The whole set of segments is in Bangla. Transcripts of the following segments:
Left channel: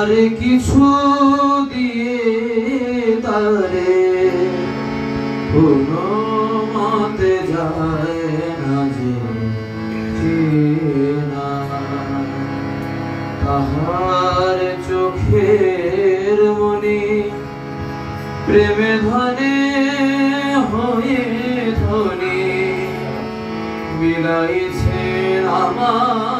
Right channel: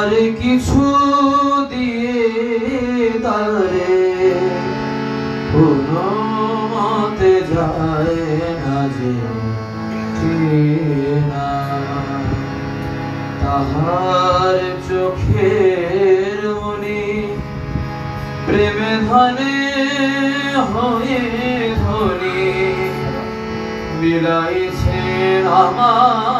আর কিছু দিয়ে তারে কোনো মতে যায় না যে তাহার চোখের মনে প্রেমে ধনে হয়ে ধনে বিলাইছে আমার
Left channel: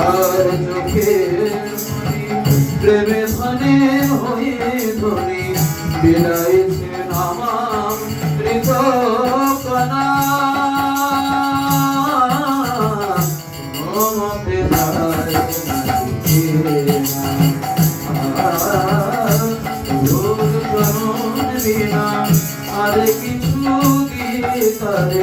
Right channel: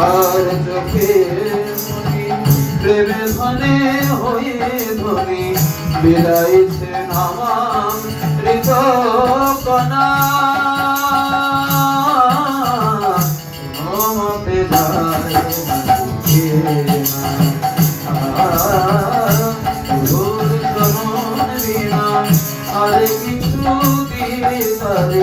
তাহার চোখে প্রেমে ধনে হয়ে ধনি বিলাইছে নামাম ঋতকনা মমতে তাহার চোখে আর কিছু দিলে তারে